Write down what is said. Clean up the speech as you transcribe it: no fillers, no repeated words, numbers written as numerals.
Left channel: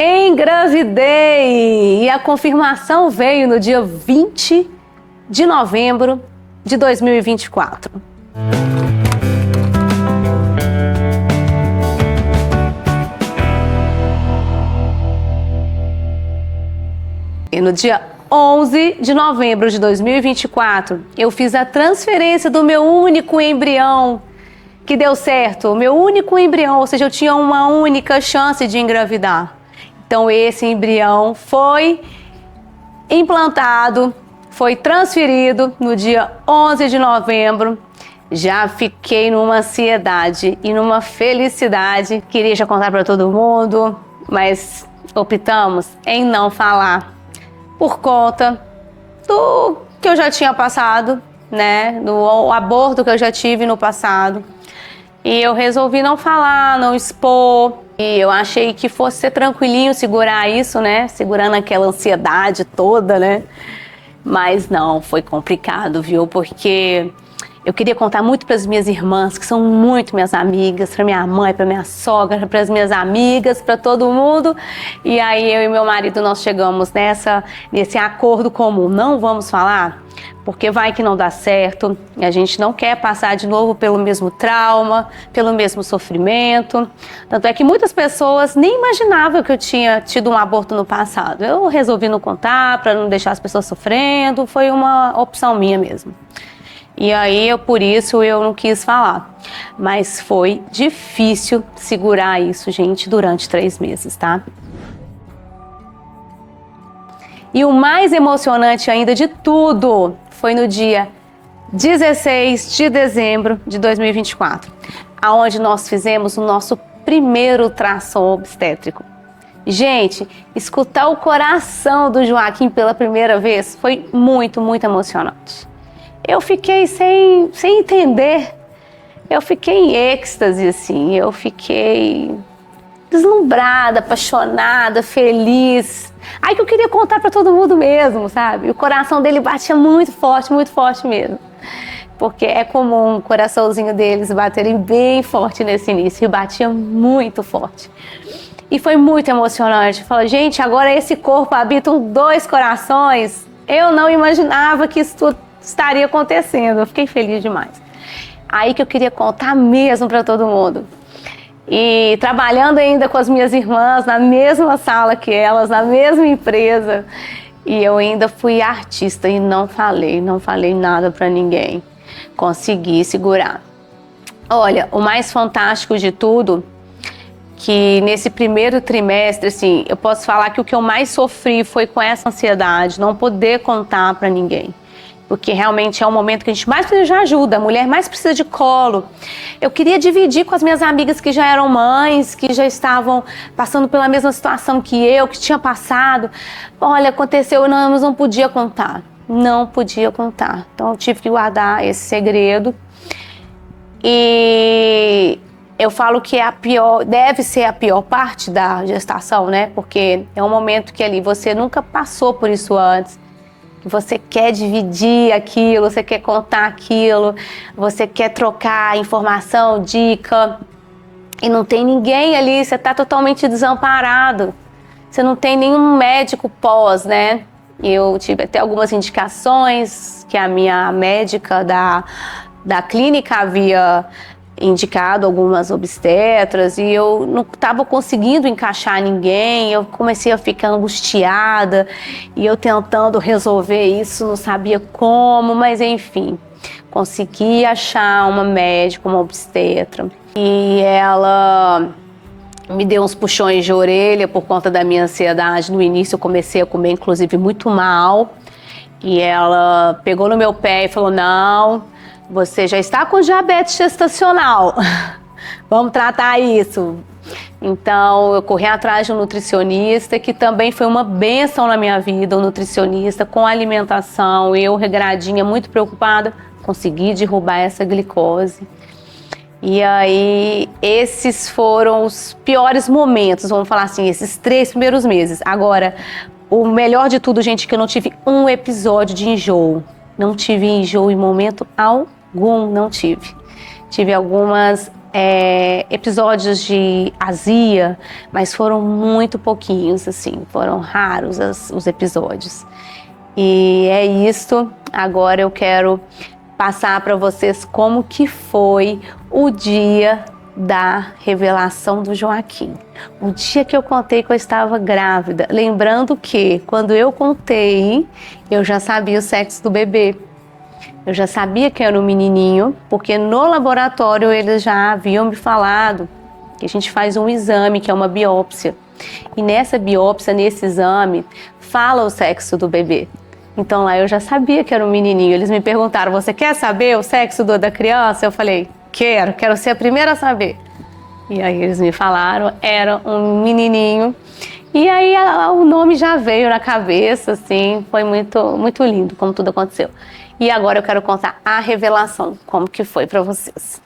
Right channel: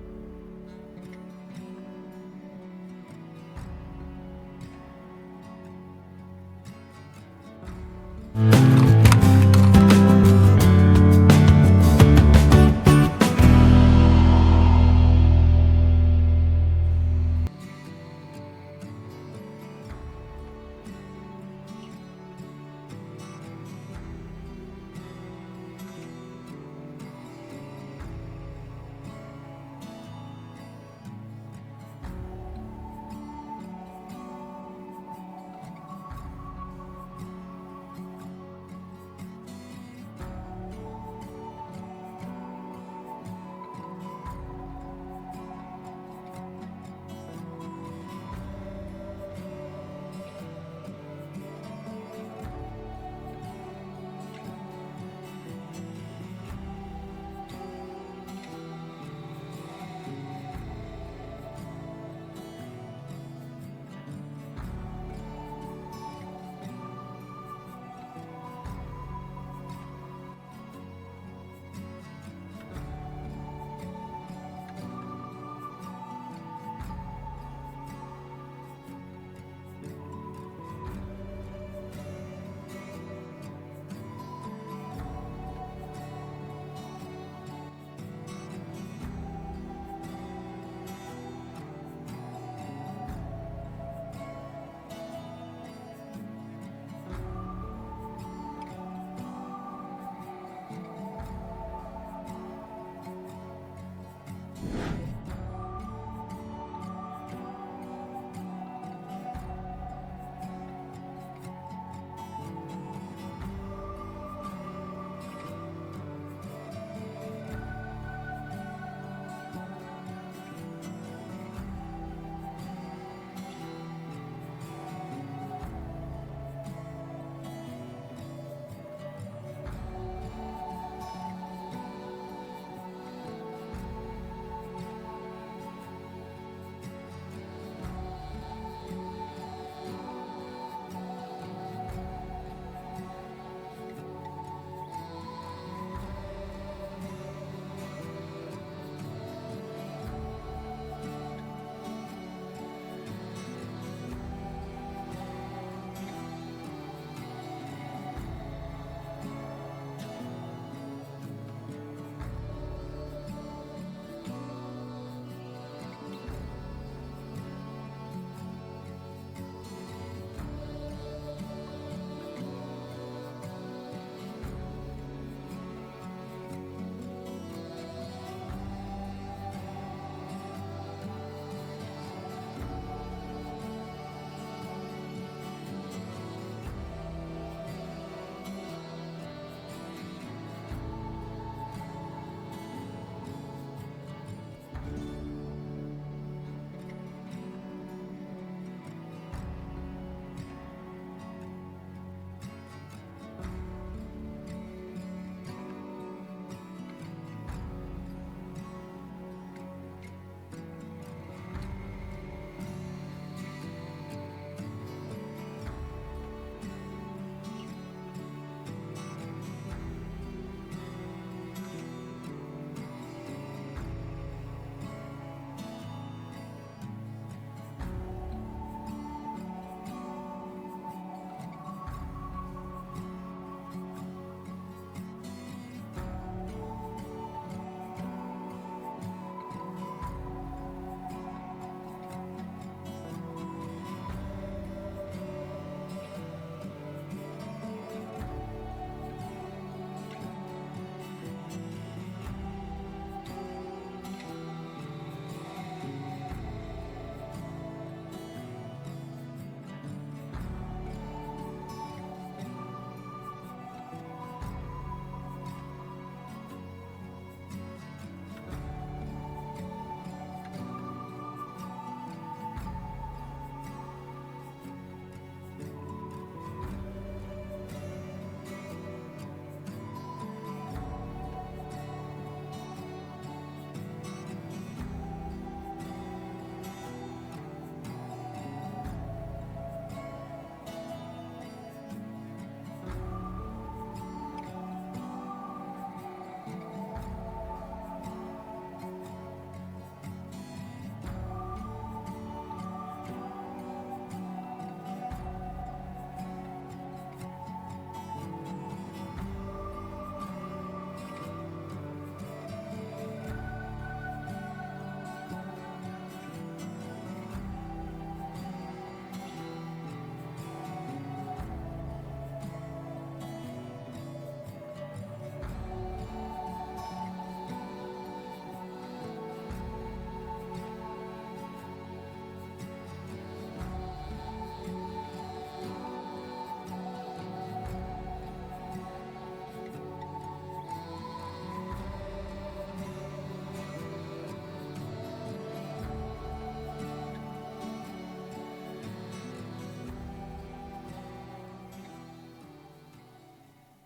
Engravidei! E a confirmação veio no dia 20 de novembro de 2024. E no dia 11 de novembro de 2024, eu fiz a transferência do meu único embrião, que deu certo, o meu único embrião, ou seja, eu tinha uma única chance de engravidar. Então esse embrião foi implantado, foi transferido no dia 11 de novembro. Já fiquei numa ansiedade e numa felicidade, queria já contar para todo mundo, mas optamos em não falar por conta do que eu já tinha passado, né, do aborto que eu já tive no passado. E eu resolvi não falar, não expor. E eu achei que fosse ser tranquilinho segurar isso, né? Segurando aquela ansiedade toda, né? Mas não, foi complicado, viu? Porque eu queria contar muito para as minhas irmãs, que são muito minhas amigas, para minha mãe, para minha sogra, para as minhas amigas, para todo mundo. E aí eu e meu marido, nós chegamos nesse acordo comum. Não vamos falar, porque vai que não dá certo. E a gente não quer passar de novo pelo mesmo trauma, pelo mesmo sofrimento. Tanto é que muitas pessoas nem imaginavam que eu tinha tido um aborto no passado. Eu resolvi não contar, para não deixar as pessoas sofrendo. Foi uma opção minha mesmo. E aí, por isso, eu não quis falar. Mas foi difícil segurar isso, gente, durante 3 meses, tá? E o mais emocionante ainda de tudo foi no dia 16 de dezembro de 2024, aonde nós fizemos o nosso primeiro ultrassom obstétrico. Gente, escutar o coração do Joaquim pela primeira vez foi muito, muito emocionante. Eu fiquei sem entender, eu fiquei em êxtase, assim, eu fiquei deslumbrada, apaixonada, feliz. Aí que eu queria contar para todo mundo mesmo, sabe? O coração dele batia muito forte mesmo. Porque é comum o coraçãozinho deles baterem bem forte nesse início, e batia muito forte. E foi muito emocionante. Falei, gente, agora esse corpo habitam 2 corações. Eu não imaginava que isso tudo estaria acontecendo. Eu fiquei feliz demais. Aí que eu queria contar mesmo para todo mundo. E trabalhando ainda com as minhas irmãs, na mesma sala que elas, na mesma empresa. E eu ainda fui artista e não falei nada para ninguém. Consegui segurar. Olha, o mais fantástico de tudo, que nesse primeiro trimestre, assim, eu posso falar que o que eu mais sofri foi com essa ansiedade, não poder contar para ninguém. Porque realmente é um momento que a gente mais precisa de ajuda, a mulher mais precisa de colo. Eu queria dividir com as minhas amigas que já eram mães, que já estavam passando pela mesma situação que eu, que tinha passado. Olha, aconteceu, mas não podia contar. Não podia contar. Então eu tive que guardar esse segredo. E eu falo que deve ser a pior parte da gestação, né? Porque é um momento que ali você nunca passou por isso antes. Você quer dividir aquilo, você quer contar aquilo, você quer trocar informação, dica, e não tem ninguém ali, você está totalmente desamparado. Você não tem nenhum médico pós, né? Eu tive até algumas indicações que a minha médica da clínica havia indicado, algumas obstetras, e eu não estava conseguindo encaixar ninguém. Eu comecei a ficar angustiada e eu tentando resolver isso, não sabia como, mas enfim, consegui achar uma médica, uma obstetra, e ela me deu uns puxões de orelha por conta da minha ansiedade. No início eu comecei a comer, inclusive, muito mal, e ela pegou no meu pé e falou, não, você já está com diabetes gestacional, vamos tratar isso. Então eu corri atrás de um nutricionista, que também foi uma bênção na minha vida, um nutricionista com alimentação. Eu, regradinha, muito preocupada, consegui derrubar essa glicose. E aí esses foram os piores momentos, vamos falar assim, esses 3 primeiros meses. Agora, o melhor de tudo, gente, é que eu não tive um episódio de enjoo. Não tive enjoo em momento algum, não tive. Tive algumas episódios de azia, mas foram muito pouquinhos, assim, foram raros os episódios. E é isso. Agora eu quero passar para vocês como que foi o dia da revelação do Joaquim. O dia que eu contei que eu estava grávida. Lembrando que quando eu contei, eu já sabia o sexo do bebê. Eu já sabia que era um menininho, porque no laboratório eles já haviam me falado que a gente faz um exame, que é uma biópsia. E nessa biópsia, nesse exame, fala o sexo do bebê. Então lá eu já sabia que era um menininho. Eles me perguntaram, você quer saber o sexo da criança? Eu falei, quero ser a primeira a saber. E aí eles me falaram, era um menininho. E aí o nome já veio na cabeça, assim, foi muito, muito lindo como tudo aconteceu. E agora eu quero contar a revelação, como que foi para vocês.